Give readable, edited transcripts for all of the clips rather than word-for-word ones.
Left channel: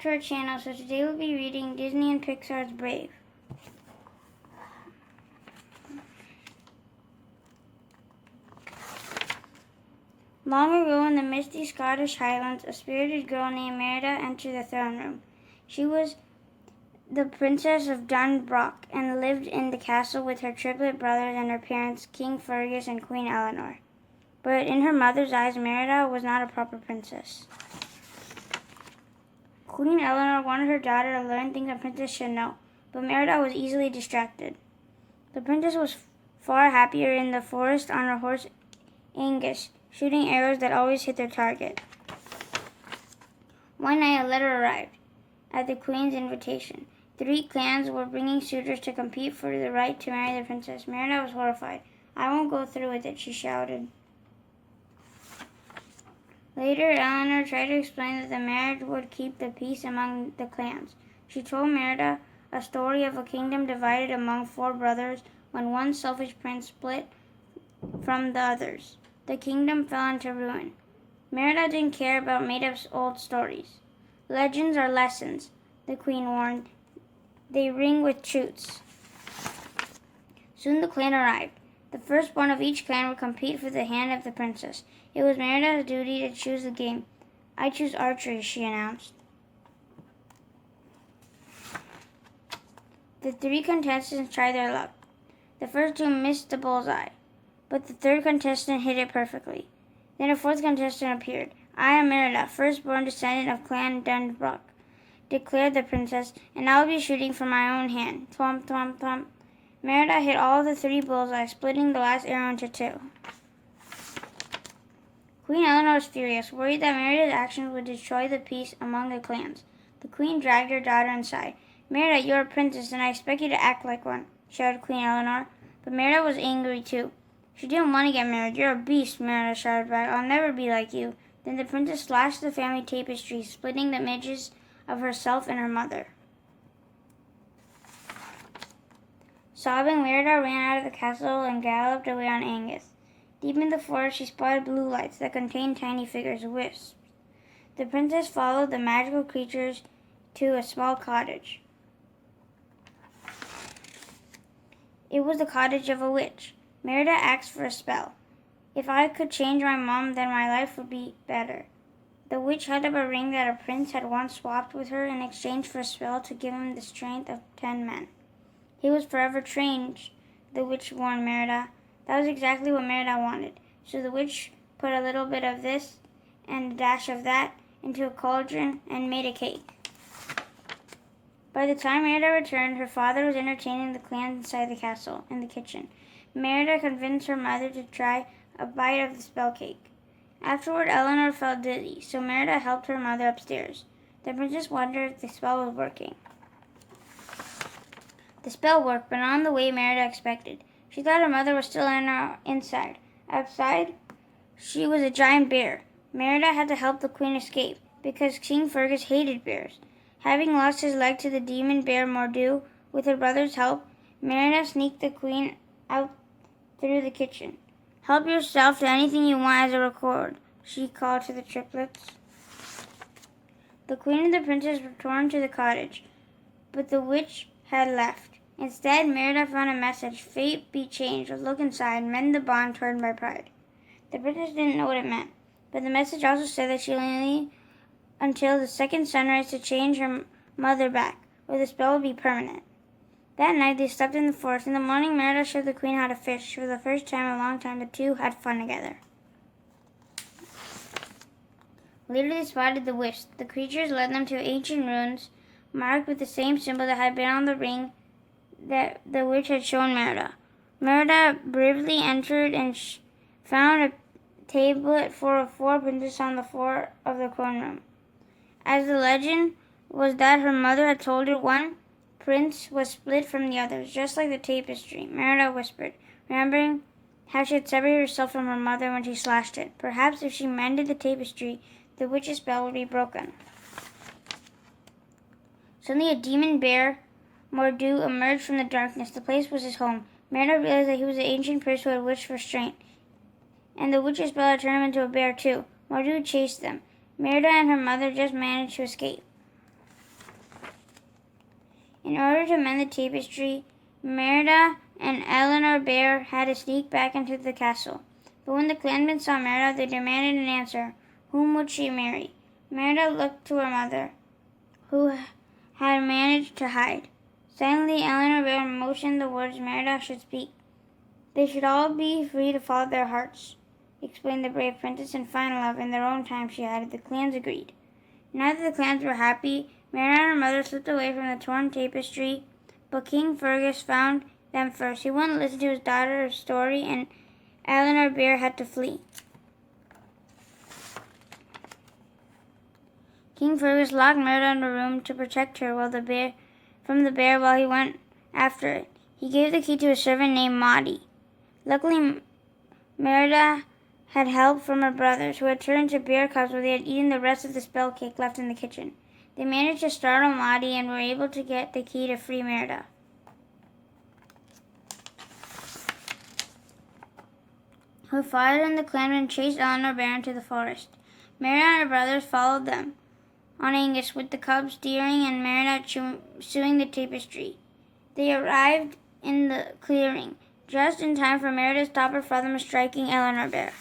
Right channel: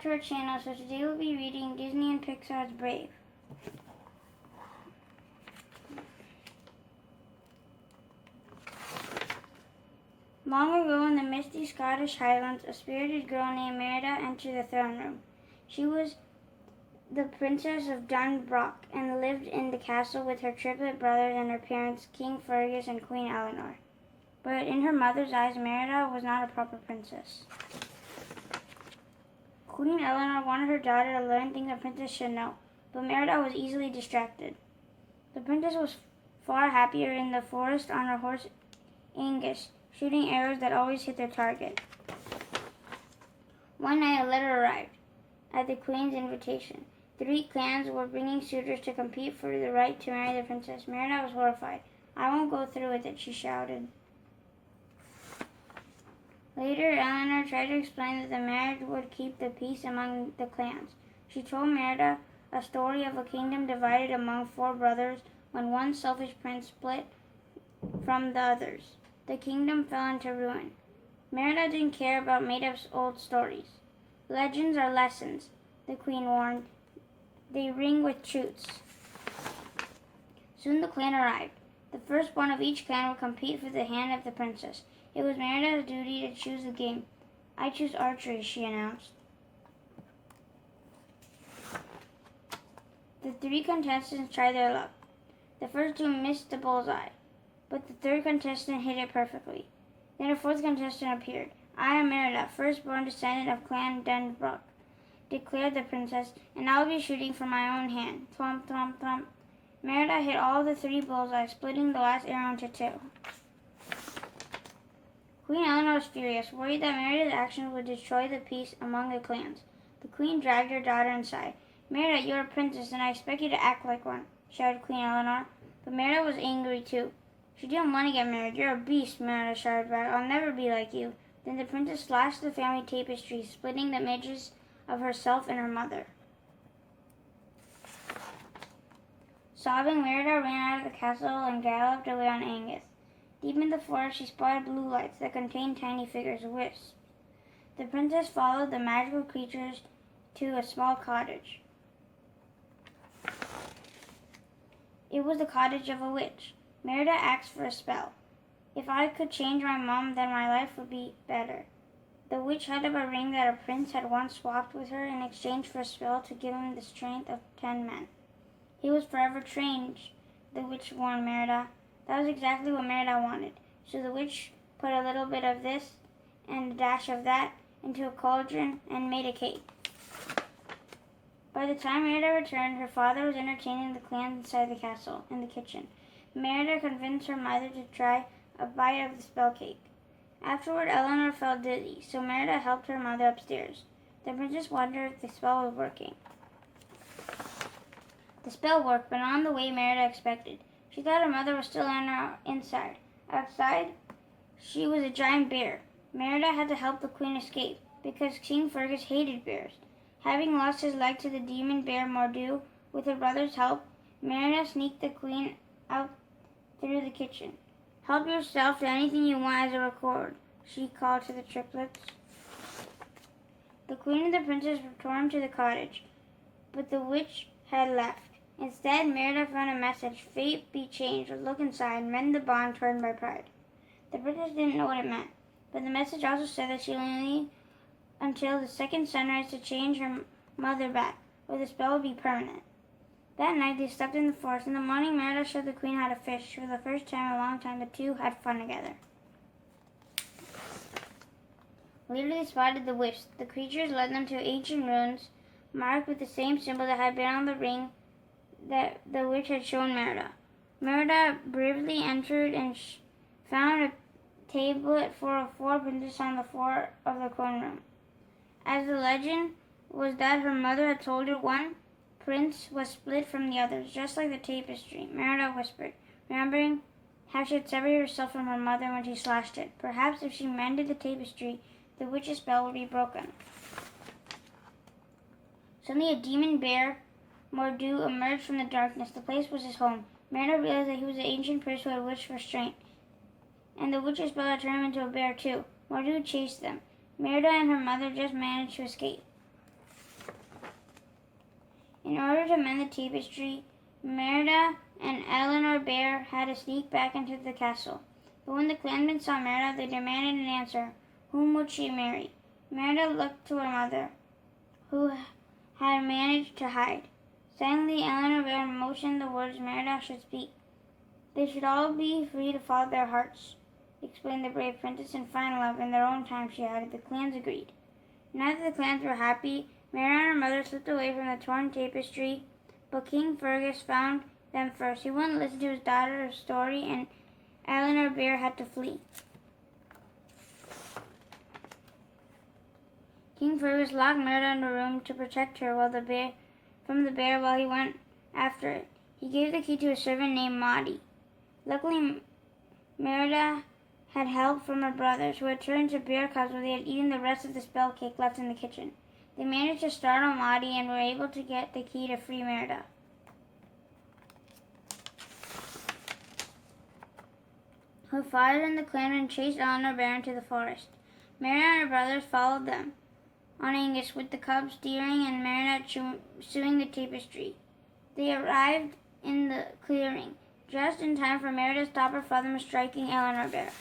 back to our channel. So today we'll be reading Disney and Pixar's Brave. Long ago in the misty Scottish Highlands, a spirited girl named Merida entered the throne room. She was the princess of DunBroch and lived in the castle with her triplet brothers and her parents, King Fergus and Queen Eleanor. But in her mother's eyes, Merida was not a proper princess. Queen Eleanor wanted her daughter to learn things a princess should know, but Merida was easily distracted. The princess was far happier in the forest on her horse Angus, shooting arrows that always hit their target. One night a letter arrived at the queen's invitation. 3 clans were bringing suitors to compete for the right to marry the princess. Merida was horrified. "I won't go through with it," she shouted. Later, Eleanor tried to explain that the marriage would keep the peace among the clans. She told Merida a story of a kingdom divided among 4 brothers when one selfish prince split from the others. The kingdom fell into ruin. Merida didn't care about made-up old stories. "Legends are lessons," the queen warned. "They ring with truths." Soon the clan arrived. The firstborn of each clan would compete for the hand of the princess. It was Merida's duty to choose the game. "I choose archery," she announced. The 3 contestants tried their luck. The first 2 missed the bullseye, but the 3rd contestant hit it perfectly. Then a 4th contestant appeared. "I am Merida, firstborn descendant of Clan DunBroch," declared the princess, "and I'll be shooting from my own hand." Thwomp, thwomp, thwomp. Merida hit all the 3 bullseyes, splitting the last arrow into 2. Queen Eleanor was furious, worried that Merida's actions would destroy the peace among the clans. The queen dragged her daughter inside. "Merida, you're a princess, and I expect you to act like one," shouted Queen Eleanor. But Merida was angry too. "She didn't want to get married. You're a beast," Merida shouted back. "I'll never be like you." Then the princess slashed the family tapestry, splitting the images of herself and her mother. Sobbing, Merida ran out of the castle and galloped away on Angus. Deep in the forest, she spotted blue lights that contained tiny figures, wisps. The princess followed the magical creatures to a small cottage. It was the cottage of a witch. Merida asked for a spell. "If I could change my mom, then my life would be better." The witch held up a ring that a prince had once swapped with her in exchange for a spell to give him the strength of 10 men. "He was forever changed," the witch warned Merida. That was exactly what Merida wanted. So the witch put a little bit of this and a dash of that into a cauldron and made a cake. By the time Merida returned, her father was entertaining the clans inside the castle in the kitchen. Merida convinced her mother to try a bite of the spell cake. Afterward, Eleanor felt dizzy, so Merida helped her mother upstairs. The princess wondered if the spell was working. The spell worked, but not in the way Merida expected. She thought her mother was still inside. Outside, she was a giant bear. Merida had to help the queen escape, because King Fergus hated bears. Having lost his leg to the demon bear Mor'du, with her brother's help, Merida sneaked the queen out through the kitchen. "Help yourself to anything you want as a reward," she called to the triplets. The queen and the princess returned to the cottage, but the witch had left. Instead, Merida found a message. "Fate be changed. Look inside. Mend the bond torn by pride." The princess didn't know what it meant, but the message also said that she only needed until the second sunrise to change her mother back, or the spell would be permanent. That night, they slept in the forest. In the morning, Merida showed the queen how to fish. For the first time in a long time, the 2 had fun together. Later, they spotted the wisps. The creatures led them to ancient ruins, marked with the same symbol that had been on the ring that the witch had shown Merida. Merida bravely entered and found a tablet for 4 princesses on the floor of the throne room. As the legend was that her mother had told her, one prince was split from the others, just like the tapestry. Merida whispered, remembering how she had separated herself from her mother when she slashed it. Perhaps if she mended the tapestry, the witch's spell would be broken. Suddenly a demon bear, Mor'du, emerged from the darkness. The place was his home. Merida realized that he was the ancient prince who had wished for strength, and the witch's spell had turned him into a bear too. Mor'du chased them. Merida and her mother just managed to escape. In order to mend the tapestry, Merida and Eleanor Bear had to sneak back into the castle. But when the clansmen saw Merida, they demanded an answer. Whom would she marry? Merida looked to her mother, who had managed to hide. Suddenly, Eleanor Bear motioned the words Merida should speak. They should all be free to follow their hearts, explained the brave princess, and find love in their own time, she added. The clans agreed. Now that the clans were happy, Merida and her mother slipped away from the torn tapestry, but King Fergus found them first. He wouldn't listen to his daughter's story, and Eleanor Bear had to flee. King Fergus locked Merida in a room to protect her from the bear while he went after it. He gave the key to a servant named Mahi. Luckily, Merida had help from her brothers, who had turned into bear cubs where they had eaten the rest of the spell cake left in the kitchen. They managed to startle Mahi and were able to get the key to free Merida. Her father and the clansmen chased Eleanor Bear into the forest. Merida and her brothers followed them on Angus, with the cubs steering and Merida chewing the tapestry. They arrived in the clearing, just in time for Merida to stop her father from striking Eleanor Bear.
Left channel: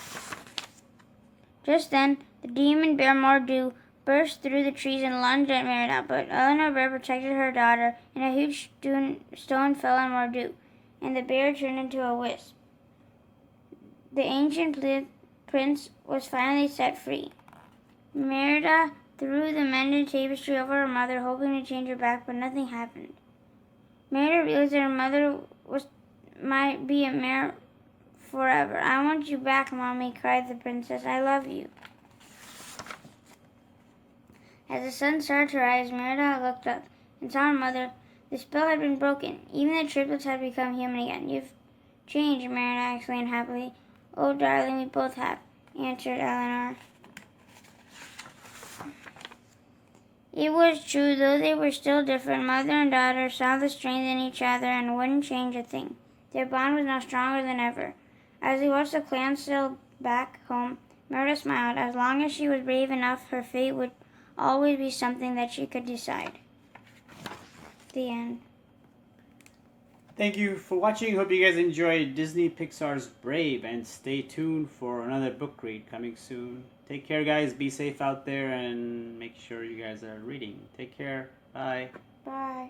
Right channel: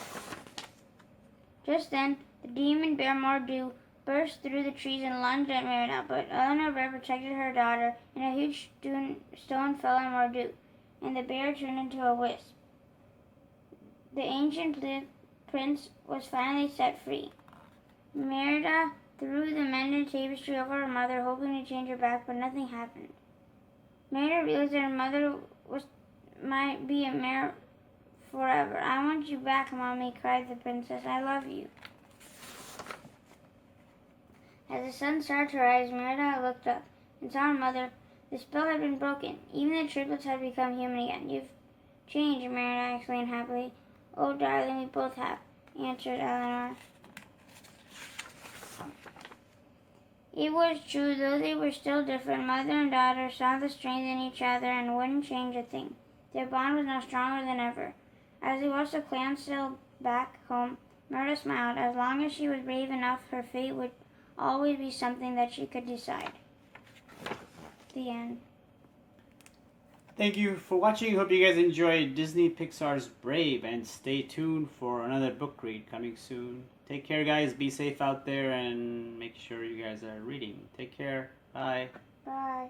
Just then, the demon bear Mor'du burst through the trees and lunged at Merida, but Eleanor Bear protected her daughter, and a huge stone fell on Mor'du, and the bear turned into a wisp. The ancient prince was finally set free. Merida threw the mended tapestry over her mother, hoping to change her back, but nothing happened. Merida realized that her mother might be a mare forever. I want you back, Mommy, cried the princess. I love you. As the sun started to rise, Merida looked up and saw her mother. The spell had been broken. Even the triplets had become human again. You've changed, Merida exclaimed happily. Oh, darling, we both have, answered Eleanor. It was true, though they were still different. Mother and daughter saw the strength in each other and wouldn't change a thing. Their bond was now stronger than ever. As they watched the clan sail back home, Merida smiled. As long as she was brave enough, her fate would always be something that she could decide. The end. Thank you for watching. Hope you guys enjoyed Disney Pixar's Brave, and stay tuned for another book read coming soon. Take care, guys. Be safe out there and make sure you guys are reading. Take care. Bye. Bye.